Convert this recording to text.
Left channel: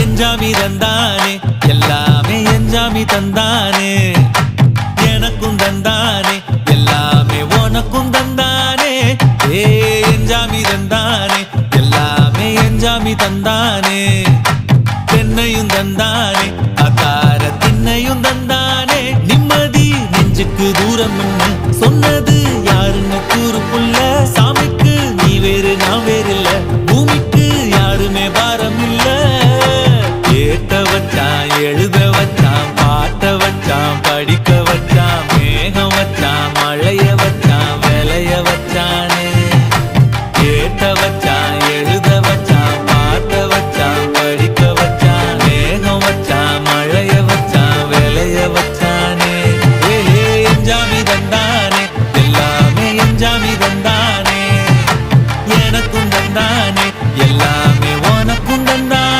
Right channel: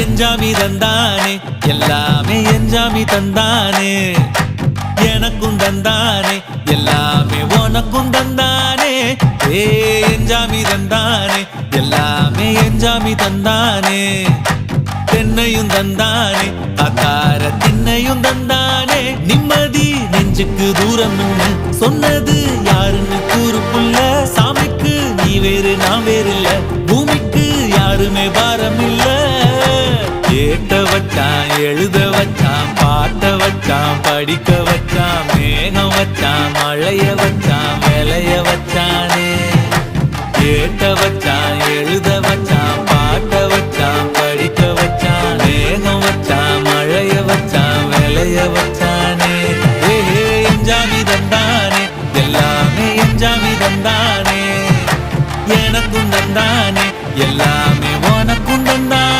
எஞ்சாமி தந்தானே எல்லாமே எஞ்சாமி தந்தானே எனக்கும் தந்தானே எல்லாமே உனக்கும் தந்தானே ஏ எஞ்சாமி தந்தானே எல்லாமே எஞ்சாமி தந்தானே தென்னையும் தந்தானே அத்தார திண்ணையும் தந்தானே நிம்மதி நெஞ்சுக்கு தூரம் சொன்னது யாருன்னு கூறு புள்ள சாமிக்கு நீ வேறு நான் வேறு இல்ல பூமிக்கு யாருமே பாரம் இல்ல ஏத்த வச்சான் எழுத வச்சான் பாட்ட வச்சான் படிக்க வச்சான் மேகம் வச்சான் மழைய வச்சான் விளைய வச்சானே ஏத்த வச்சான் எழுத வச்சான் பாட்ட வச்சான் படிக்க வச்சான் மேகம் வச்சான் மழைய வச்சான் விளைய வச்சானே ஏஹே எஞ்சாமி தந்தானே எல்லாமே எஞ்சாமி தந்தானே எனக்கும் தந்தானே எல்லாமே உனக்கும் தந்தானே